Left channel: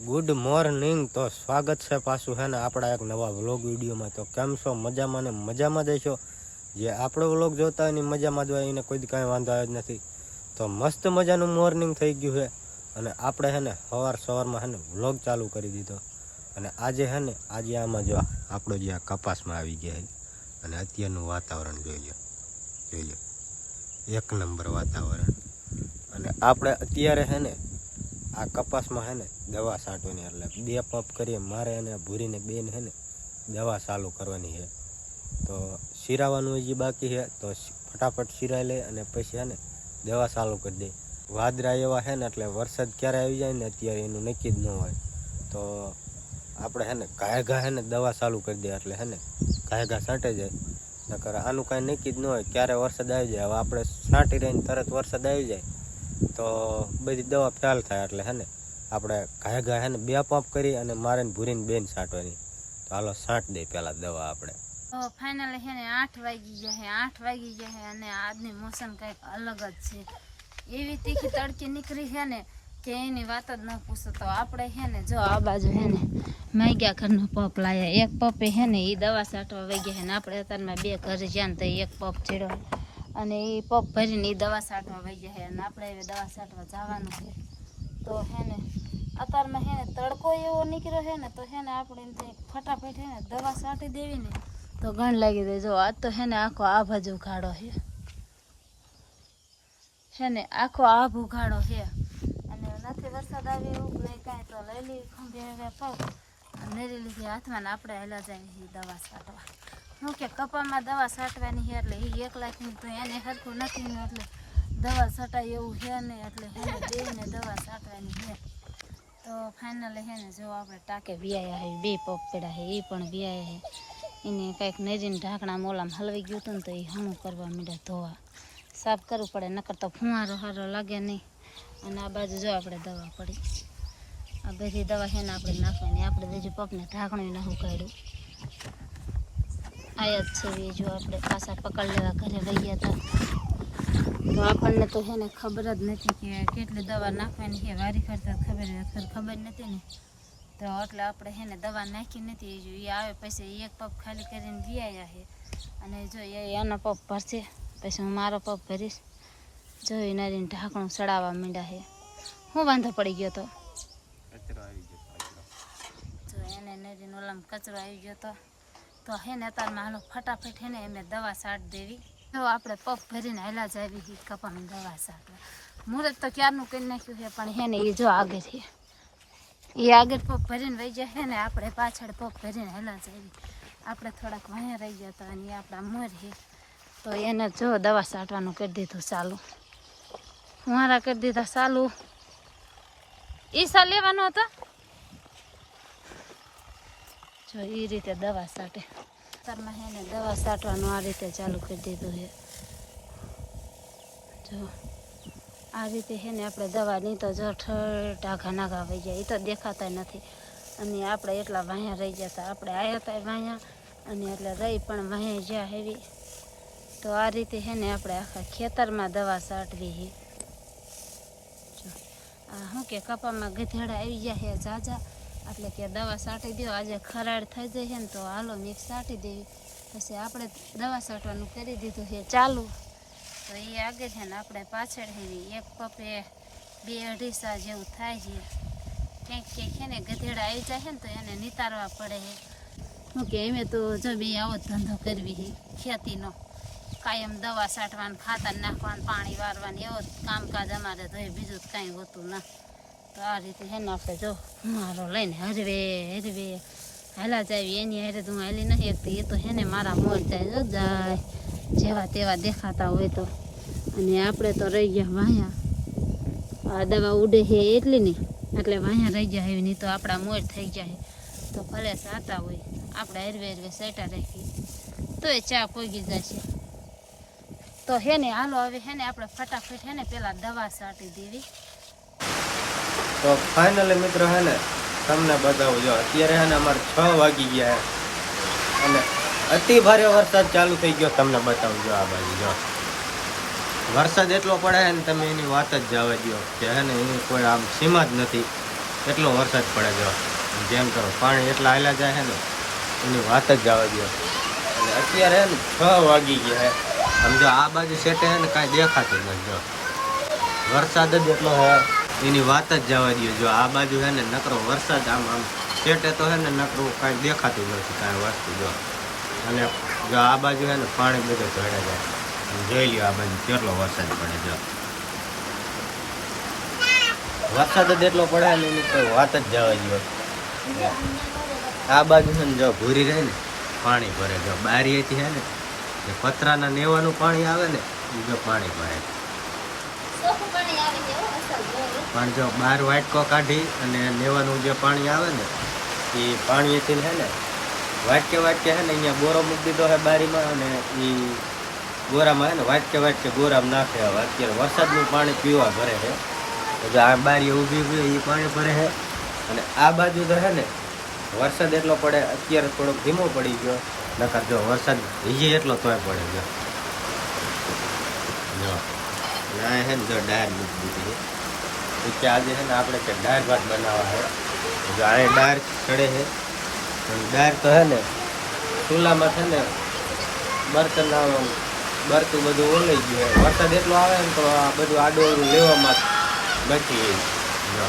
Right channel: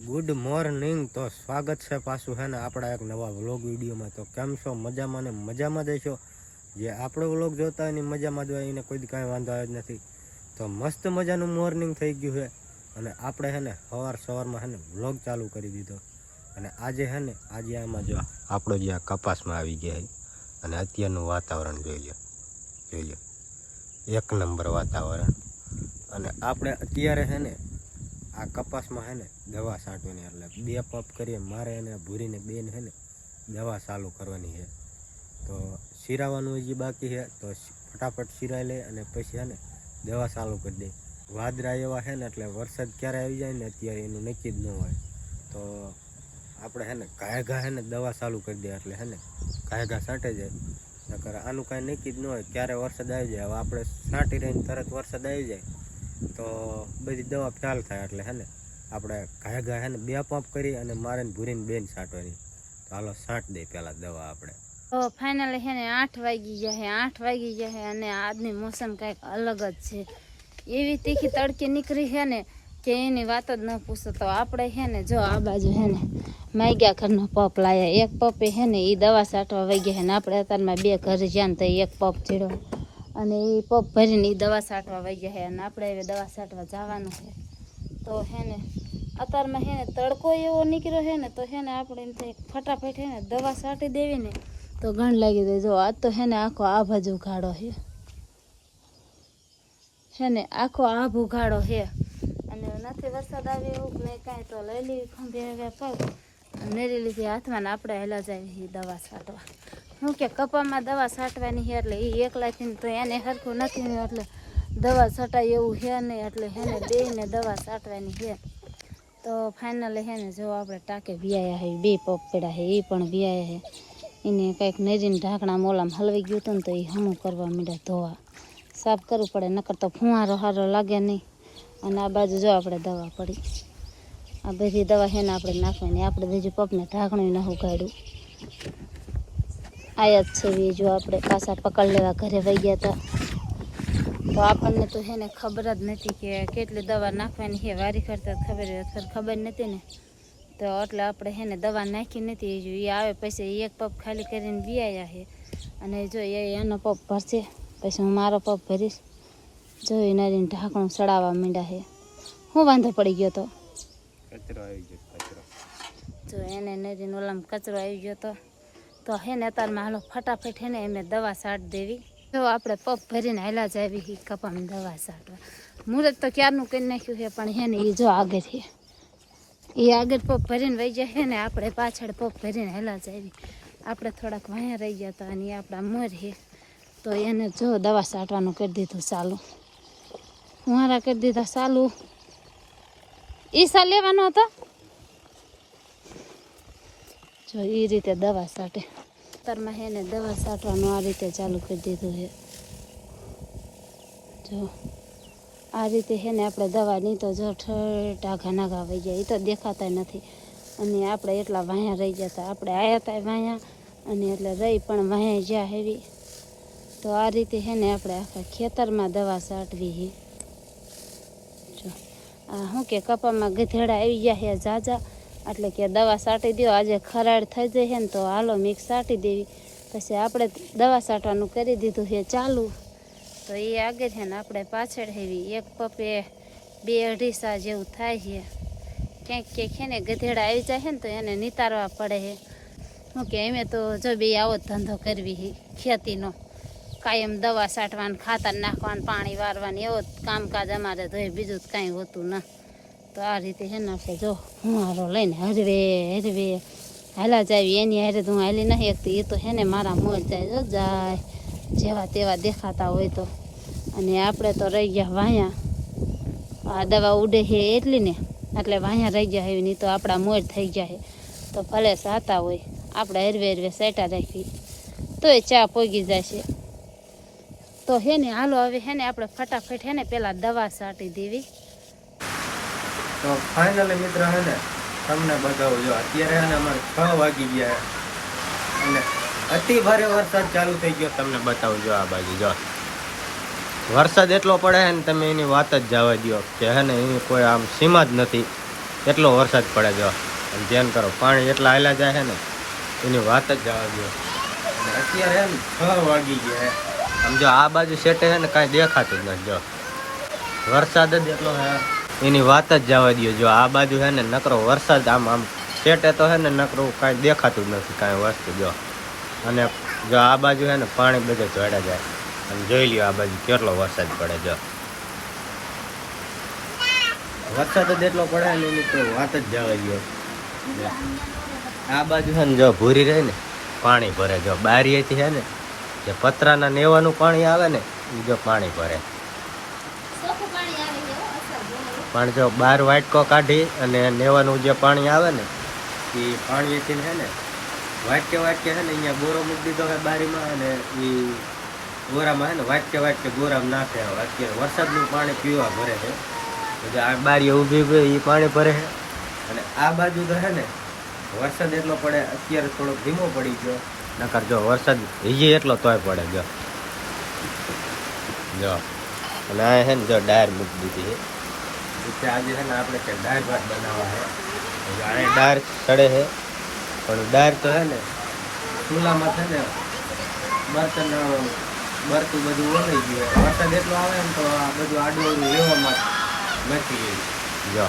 Good morning. તો સ્વાગત છે પાછું હે ને આપણા એક નવા વ્લોગ વિડીયોમાં। તો કેમ છો? મજામાં ને મજામાં દેશો। જે આપણો વ્લોગ જોતા હોય એની મજામાં જ હોય, એને કોઈ કાંઈ વાંધો આવે જ નથી। તો મસ્ત મજાનું મોર્નિંગ થઈ ગયું છે અને આપણે હે ને સવારમાં હે ને વ્લોગ ચાલુ કરી દીધો। અને આજે હે ને આમાં જો આપણો જે આ કપાસમાં આવી ગયા છે અને અત્યારનું વાતાવરણ જોઈ લો એક નંબર વાતાવરણ। અને આપણે અત્યારે હે ને આ કપાસમાં હે ને દવા છાંટવાની, એટલે 2 પંપ કરીએ મારે અને ભૂરીને બેન હે ને દવા ચાલુ કરવાની છે। તો શિરાવાનું હજી બાકી છે, તો ફટાફટ શિરાઈ લે અને પછી હે ને દવા ચાલુ કરી દે। વાદળા એવા છે ને એટલે વરસાદ ક્યારે આવી જાય ને અત્યારે એનું નક્કી જ ન હોય। તો આપણે હે ને ઘાય હે ને દવા ચાલુ કરી દે એટલે હે ને ઘાય છાંટે જાય, નકર આનું કાંઈ નક્કી જ ન હોય ક્યારે વરસાદ આવી જાય। હવે આપણે છાંટી રહીને તરત વરસાદ આવી જાય તો બધી દવા ફેલ થાય, એટલે હે ને આપણે ઘાય હે ને 2 પંપ કરી અને મારે ને ભૂરીને બેન છાંટવાની। તો હાલો છાંટ દે પહેલાં દવા આપણે। તો ફાઇનલી હે ને 8 વાગી ગયા છે અને આજની મોસમ કંઈક અલગ જ છે। એવી તીખી તડકી નીકળી છે ને કે એની વાત જ ન પૂછો। તો આપણે હે ને જો આ બાજુ હે ને માગ્યા ઘરનો પપ લાયા, એક પપે હે ને એ દવા છાંટવા વહી ગયા છે ને આપણે અત્યારમાં 2 ઘરે જ્યાં તો એક પપ ચીડો અને એ પપ ભરીને એ દવા છાંટવા વહી ગયા છે અને આપણે હવે દવા છાંટવા જવાનું છે। તો હે ને અત્યારમાં હે ને તડકો એવો નીકળ્યો છે ને તો હે ને આપણે એમ થાય ફટાફટ હે ને દવા છાંટી દેવી ને તો ઘણ લાગી જાય। જો આજ તો હે ને આખો આભ જ ઉઘાડો હે ને આખો આભ ઉઘાડો છે અને નથી વરસાદ આવે એવું નહીં કાંઈ। તો લઈ લેવી ખંભે હવે પગ નેરી લીધી હાથમાં ને આપણે હેલા જાય દવા છાંટવા। શું કે કપામાં દવા છાંટવાની છે એટલે એ એકલાથી તો એને સરખું નથી ને એટલે દવા છટાય એવું છે નહીં, એટલે હે ને બેયને દવા છાંટવાની છે। તો ફાઇનલી હે ને જો આપણે ટાંકે વિયાયા છે, 2 પપ પડ્યા છે એ પણ વિયાયા છે। એને કંઈક નેરીને ઢાંકણા મોલામાં હલવાઈ ગયું હતું ને તો એ હમું કરવા માંડ્યા ધોવા, સાફ કરવું પડે નકર તો ફુવારો સારો લાગે નહીં। અને આ બાજુ જો આપણે દવા પડી, આ બધી દવા છે ને આપણે નાખવાની। આપણે બીજું પપને ઢાંકણું ન ઉગાડ્યું, આયા જ છે જો આપણે પાછા પકડ લેવા ઘરે વહી ગયા હતા। તો આપણને તો હે ને ખબર જ નથી કે કેટલી દવા નાખવાની છે, વારી કરતા ખબર નથી ને તો એટલે આપણે હે ને દવા નાખી નથી। જો એ આવે પછી 1 પપ ખાલી કરીને વિયાયા છે અને જો એનો પપ ભરશે પછી હું મારો પપ ભરીશ। જો એ નારીને ઢાંકણું સડાવવા માંડ્યા છે। શું વાંધો પડી ગયો તો? કચરો આવી ગયો કચરો। જો એને નરીને ઓલામાં કચરો આવી ગયો તો હે ને અત્યારમાં હાલો ફટાફટ હે ને એમને દવા છાંટ દેવી। જો આપણે પપ ભરીને હાલા જ આવી કપામાં દવા છાંટવા। મુહૂર્ત તો ક્યારનું કરી નાખ્યું છે પણ હે ને એ જો આગળ છે, એ આગળ પપ ભરીને વહી જાય છે ને આપણે પાછળ પપ ભરીને હાલા જ આવી। આપણે થોડાક વાયા રહી ગયા હતા અને આપણા મોર છે તો એને જો દવા છાંટવાનું કરી દીધું ચાલુ, ફુવારા કરી દીધા ચાલુ। ઈસા લેવાનો હતો જો એ રીતે દવા છાંટે। અત્યારમાં હે ને દવા છાંટવાનું આ રીતે ચાલુ કરી દીધું છે। જો આ રીતે હે ને આપણે દવા નહીં તો જો ઢાઘા નાઘા વહી જાય, એ તો દેખાતા નથી। અને આપણે એટલા વાયા રહી ગયા હતા, આપણે આવ્યા હતા વાયા અને એટલે રહી પણ વાયા જ્યાં હેવી। તો આ રીતે હે ને આપણે આખા ખેતરમાં દવા છાંટવી છે। જો આ શું કે કપામાં ગધેડા આવી ગયા છે ઝાઝા, એટલે કે દવા છાંટી દો આજે ખરાડ થઈ જાય છે ને તો હાલો મિક્સ છાંટી દેવી। પછી આપણે દવા છાંટવાનું કરી દીધું છે ચાલુ, તો એ આગળ છે ને આપણે પાછળ હેવી 1 પપે 2-2.5 સા જેવું થાય છે। ક્યાંક છે ને ગધેડા આવી જાય છે ને તો એને નિતારવા પડે છે। શું કે એમે તો જો બે આવો જ ધંધો કરવી છે ખેતીનો, કાયમ દવા છાંટવાનું, ખાતર નાખવાનું, પાણી વારવાનું, એવો જ કામકાજ અમારે તો બીજું જ કાંઈ હોતું ના। તો આ રીતે છે ને આપણે જો ફુવારો લઈને હરવે હાલા જ આવી। એની હારે તો હું હાલી નહીં એકતી, એ તો છે ને મારા મોર જાય જાય જેવા તેવા દેખાતા હોય તો। અને આપણે તો રહી ગયા વાયા, આ દવા ઉડે છે એટલી ને એટલે વાયા રહી ગયા એવી, નહીં તો આપણા મોર થઈ ગયા છે તો ભલે સાતા હોય આપણે હરવે સેટા રાખી તોય ચા પોગી જશે। તો હે ને હાલો હવે હે ને આપણે ફટાફટ હે ને પેલા દવા છાંટી દેવી। તો ફાઇનલી મિત્રો હે ને તમને બતાવું, જો અત્યારે હે ને અમારે 6 વાગી ગયા અને અતિ ભારે વરસાદ ચાલુ થઈ ગયો। તમને બતાવું જો આ બાજુ જો વરસાદ એટલો પડે છે ને તમે એની વાત જ જવા દો કે હે ને એની કોઈ આમ સીમા જ નથી। એટલો વરસાદ પડે જો. અને ધ્યાન કરો, પાણી એટલા હાલ્યા જાય છે ને એની વાત જ જવા દો. અને અત્યારે હે ને 6 વાગી ગયા હે. આમ જો આ બાજુ સેટે હે ને કાંઈ દેખાતું જ નથી. જો વરસાદ જ એટલો હે એની વાત જ જવા દો. જો આ બાજુ હે ને નકરો વરસાદ આમ સેટે તો હે ને નકરું કાંઈ દેખાતું જ નથી કાંઈ વસ્તુ. જો અને જો આ બાજુ હે ને પાણી બધે ચડ્યા જાય. અને જોઈ લ્યો આ બાજુ કેટલો વરસાદ પડે. જો વરસાદ જ એટલો પડે ને એની કોઈ વાત જ જવા દો. આ બાજુ છે ને જો ભૂરી રહે ને પાણી ભરે. જો બારીએથી છે ને જે પતરાના નેવાનું પાણી આવે ને એ જો પાણી ભરે. પણ જો 12 વાટકો કાઢી અને નેવાનું જે પાણી આવે ને એ પાણીથી છે ને વાટકે છે ને અહીંયા ગોરો મૂકી દીધો છે બારીમાં. અને એ ગોરામાં છે ને વાટકે ગોરામાં નાખે. હવે અત્યારે વરસાદનું પાણી પીવા ભરે છે. જો આ બારીએ ઊભી એ પાણી ભરે છે. અને આ બાજુ તો છે ને વરસાદ એટલો પડે. અત્યારે થોડોક ધીમો પડી ગયો, નકર જો વરસાદ હજી એટલો તોય પડે. જો અને આ છે ને જો ડાયર મૂકી દીધી છે કે આજે છે ને આપણે કે દાળ ભાત બનાવવા છે. જો અહીં દાળ ચડે છે, પણ દાળ તો છે ને ચૂલામાં છે ને બરતું બધું ઓલાઈ ગયું. વરસાદ એટલો આવે ને તો આ બધું આડું લેવામાં નથી. જો